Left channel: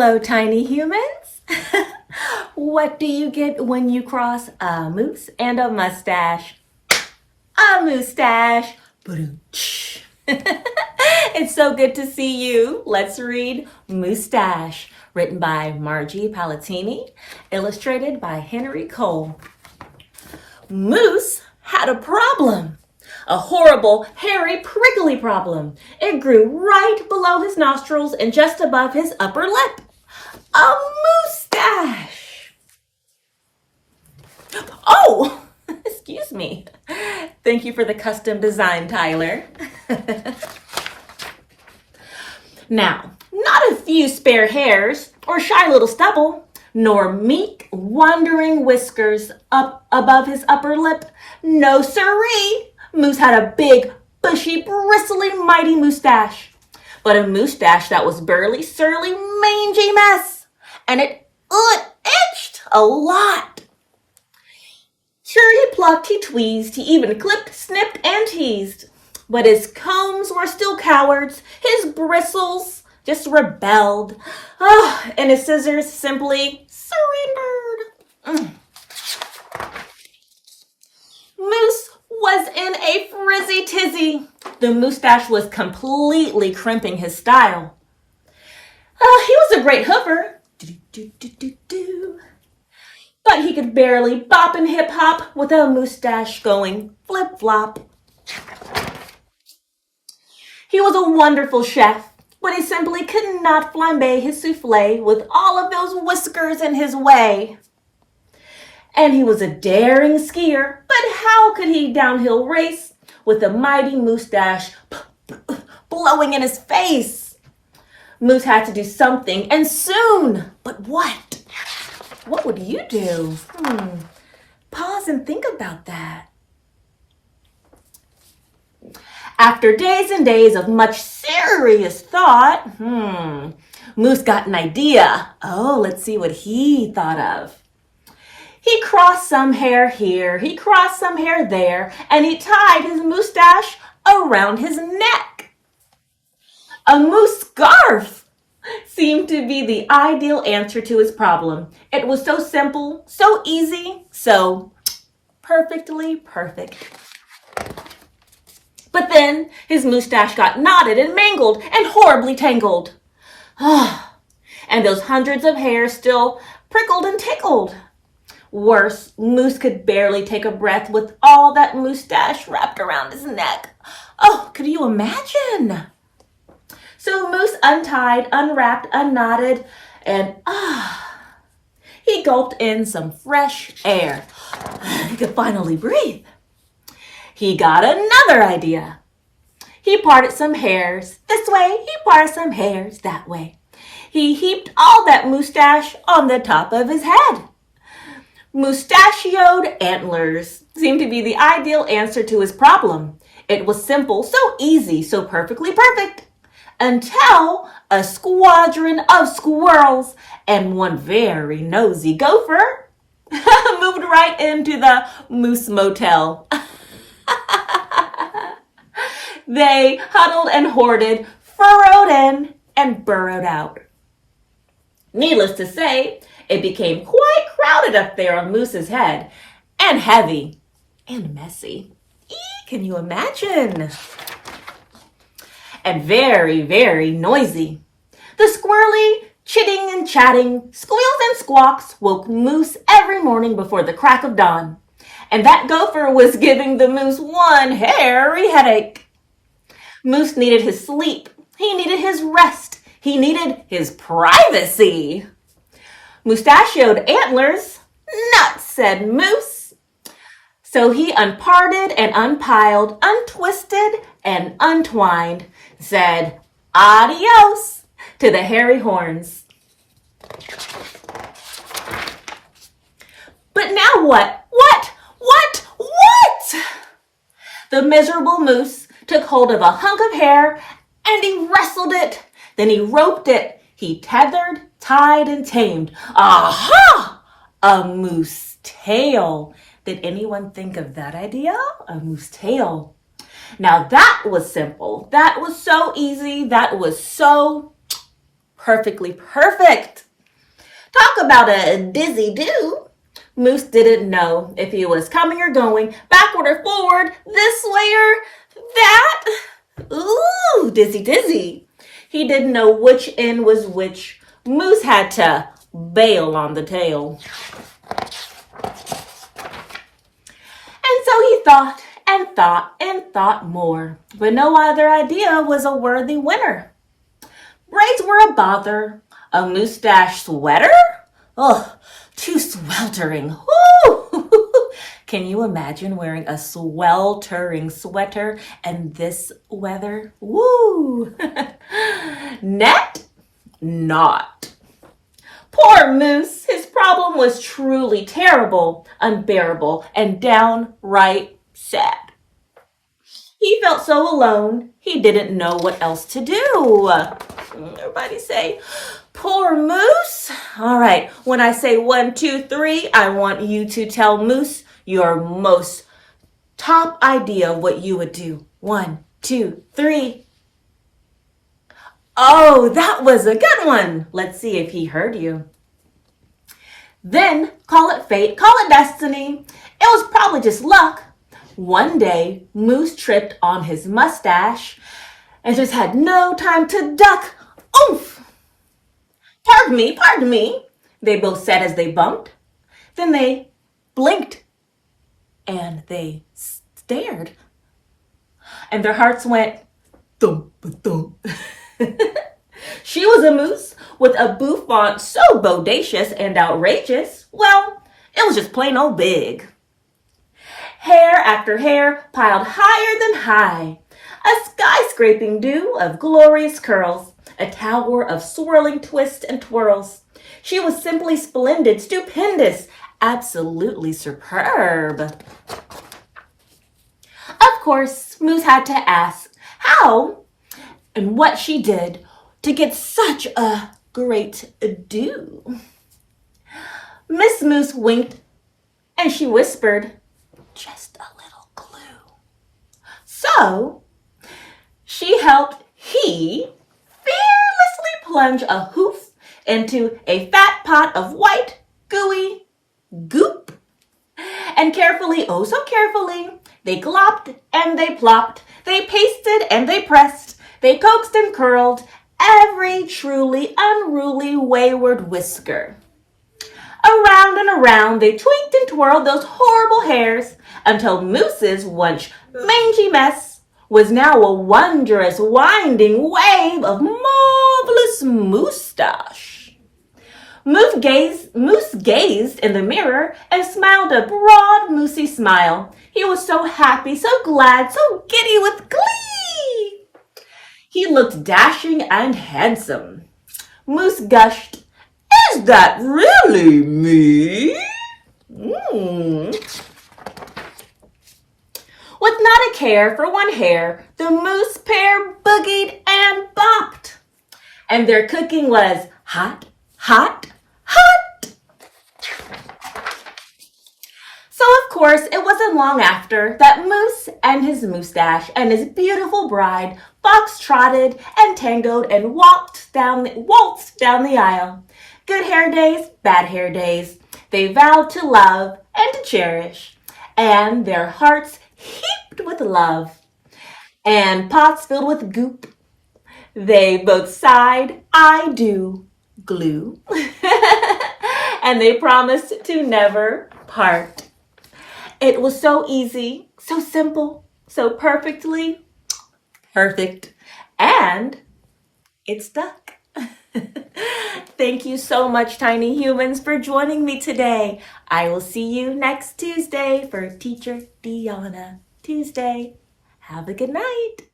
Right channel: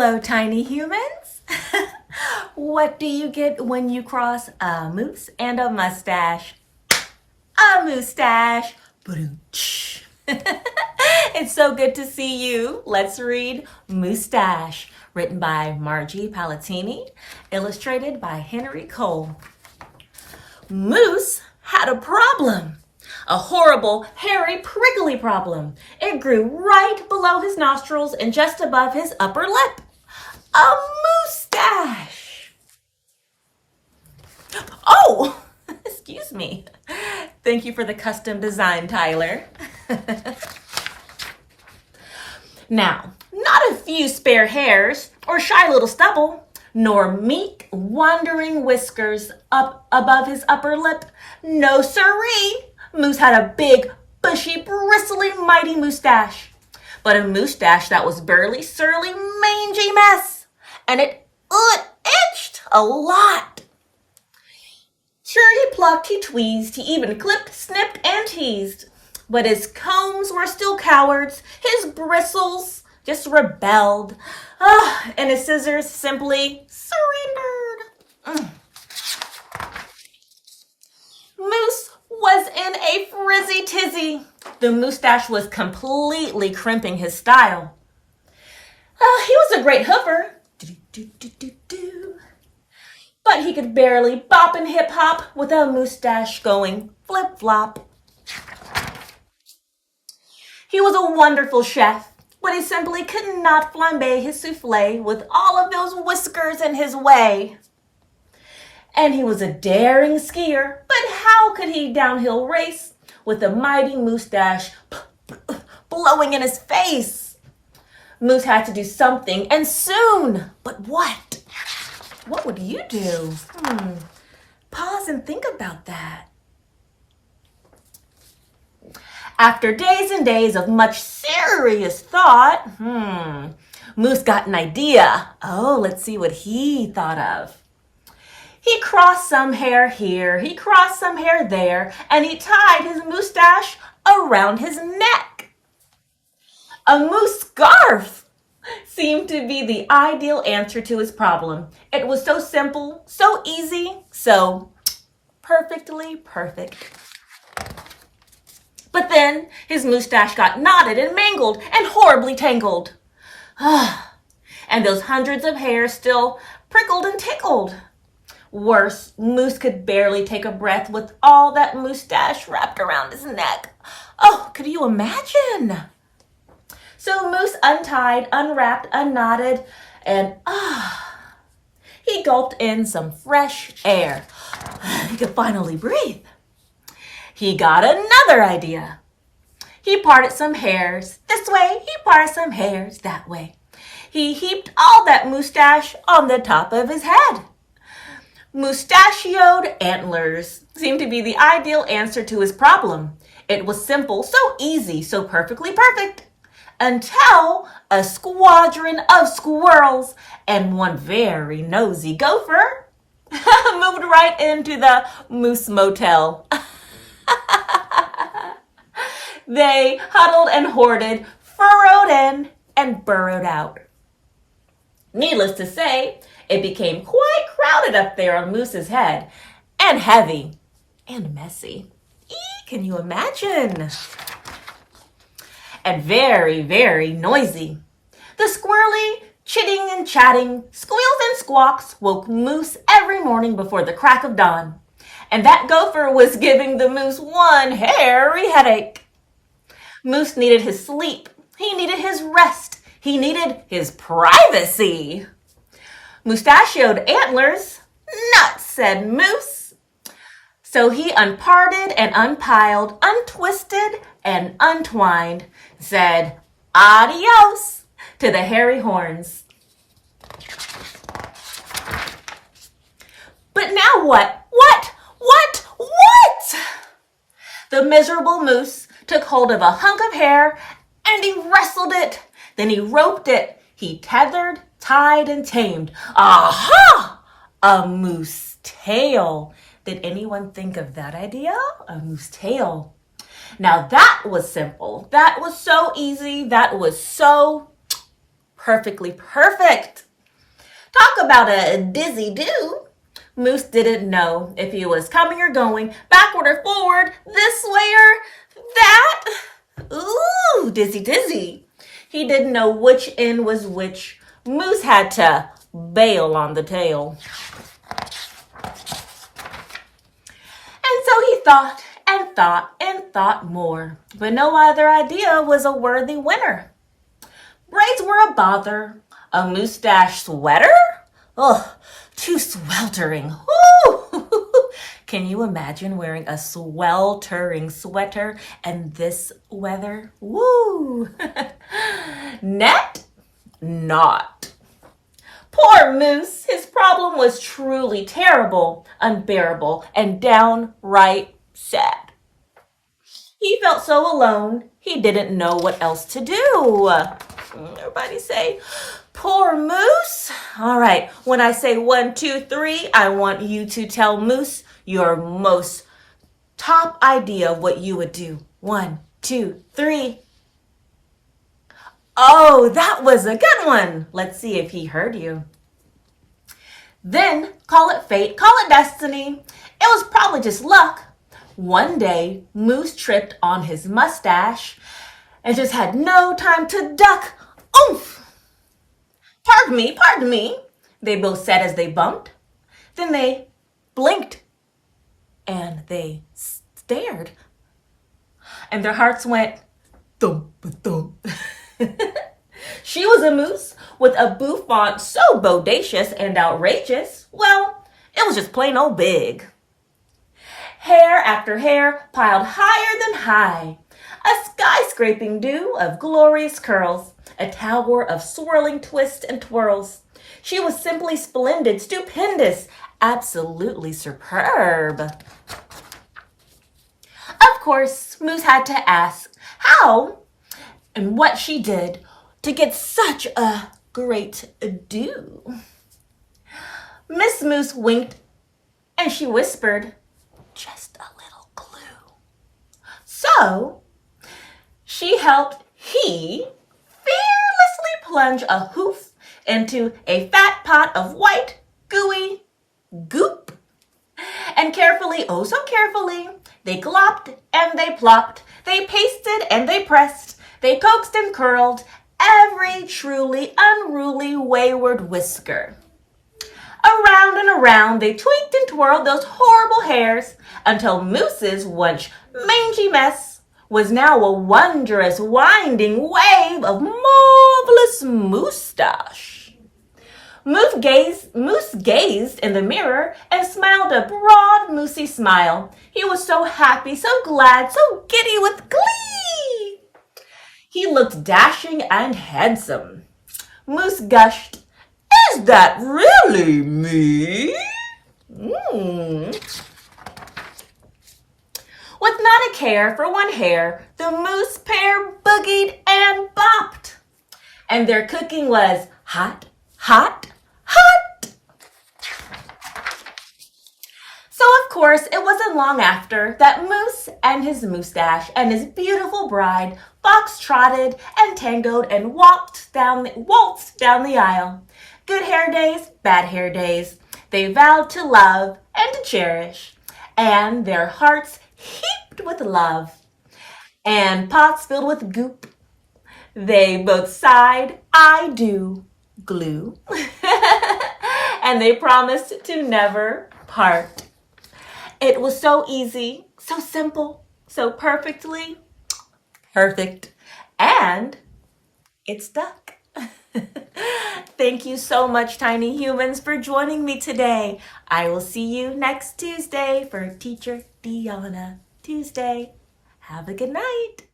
Hello, tiny humans. What do you get when you cross a moose and a mustache? A mustache. Ba-dum-tsh. It's so good to see you. Let's read Moosestache, written by Margie Palatini, illustrated by Henry Cole. Moose had a problem. A horrible, hairy, prickly problem. It grew right below his nostrils and just above his upper lip. A mustache. Oh, excuse me. Thank you for the custom design, Tyler. Now, not a few spare hairs or shy little stubble, nor meek, wandering whiskers up above his upper lip. No siree. Moose had a big, bushy, bristly, mighty mustache. But a mustache that was burly, surly, mangy mess. And it itched a lot. Sure, he plucked, he tweezed, he even clipped, snipped, and teased. But his combs were still cowards. His bristles just rebelled. And his scissors simply surrendered. Moose was in a frizzy tizzy. The mustache was completely crimping his style. He was a great hoofer, but he could barely bop and hip hop with a mustache going flip flop. He was a wonderful chef, but he simply could not flambe his souffle with all of those whiskers in his way. And he was a daring skier, but how could he downhill race with a mighty mustache blowing in his face? Moose had to do something, and soon. But what? What would you do? Pause and think about that. After days and days of much serious thought, Moose got an idea. Let's see what he thought of. He crossed some hair here, he crossed some hair there, and he tied his mustache around his neck. A moose scarf seemed to be the ideal answer to his problem. It was so simple, so easy, so perfectly perfect. But then his mustache got knotted and mangled and horribly tangled. And those hundreds of hairs still prickled and tickled. Worse, Moose could barely take a breath with all that mustache wrapped around his neck. Could you imagine? So Moose untied, unwrapped, unknotted, and he gulped in some fresh air. He could finally breathe. He got another idea. He parted some hairs this way, he parted some hairs that way. He heaped all that mustache on the top of his head. Mustachioed antlers seemed to be the ideal answer to his problem. It was simple, so easy, so perfectly perfect. Until a squadron of squirrels and one very nosy gopher moved right into the Moose Motel. They huddled and hoarded, furrowed in, and burrowed out. Needless to say, it became quite crowded up there on Moose's head, and heavy, and messy. Can you imagine? And very, very noisy. The squirrely, chitting and chatting, squeals and squawks woke Moose every morning before the crack of dawn. And that gopher was giving the moose one hairy headache. Moose needed his sleep. He needed his rest. He needed his privacy. Mustachioed antlers, nuts, said Moose. So he unparted and unpiled, untwisted and untwined, said adios to the hairy horns. But now what? What? The miserable moose took hold of a hunk of hair and he wrestled it. Then he roped it. He tethered, tied, and tamed. Aha! A moose tail. Did anyone think of that idea? A moose tail. Now that was simple. That was so easy. That was so perfectly perfect. Talk about a dizzy do. Moose didn't know if he was coming or going, backward or forward, this way or that. Ooh, dizzy, dizzy. He didn't know which end was which. Moose had to bail on the tail. And so he thought and thought and thought more, but no other idea was a worthy winner. Braids were a bother. A mustache sweater? Ugh, too sweltering. Woo! Can you imagine wearing a sweltering sweater in this weather? Woo! Net? Not. Poor Moose, his problem was truly terrible, unbearable, and downright sad. He felt so alone, he didn't know what else to do. Everybody say, poor Moose. All right, when I say 1, 2, 3, I want you to tell Moose your most top idea of what you would do. 1, 2, 3. Oh, that was a good one. Let's see if he heard you. Then call it fate, call it destiny. It was probably just luck. One day, Moose tripped on his mustache and just had no time to duck. Oomph! Pardon me, they both said as they bumped. Then they blinked and they stared. And their hearts went thump, thump. She was a moose with a bouffant so bodacious and outrageous. Well, it was just plain old big. Hair after hair piled higher than high. A skyscraping dew of glorious curls. A tower of swirling twists and twirls. She was simply splendid, stupendous, absolutely superb. Of course, Moose had to ask how and what she did to get such a great do. Miss Moose winked and she whispered, just a little clue. So she helped he fearlessly plunge a hoof into a fat pot of white, gooey goop. And carefully, oh so carefully, they glopped and they plopped, they pasted and they pressed, they coaxed and curled every truly unruly wayward whisker. Around and around they tweaked and twirled those horrible hairs until Moose's once mangy mess was now a wondrous winding wave of marvelous mustache. Moose gazed in the mirror and smiled a broad, moosey smile. He was so happy, so glad, so giddy with glee. He looked dashing and handsome. Moose gushed, is that really me? With not a care for one hair, the moose pair boogied and bopped. And their cooking was hot, hot, hot. So of course, it wasn't long after that Moose and his mustache and his beautiful bride fox-trotted and tangoed and waltzed down the aisle. Good hair days, bad hair days. They vowed to love and to cherish, and their hearts heaped with love, and pots filled with goop. They both sighed, I do, glue, and they promised to never part. It was so easy, so simple, so perfectly perfect, and it stuck. Thank you so much, tiny humans, for joining me today. I will see you next Tuesday for Teacher Deanna Tuesday. Have a good night.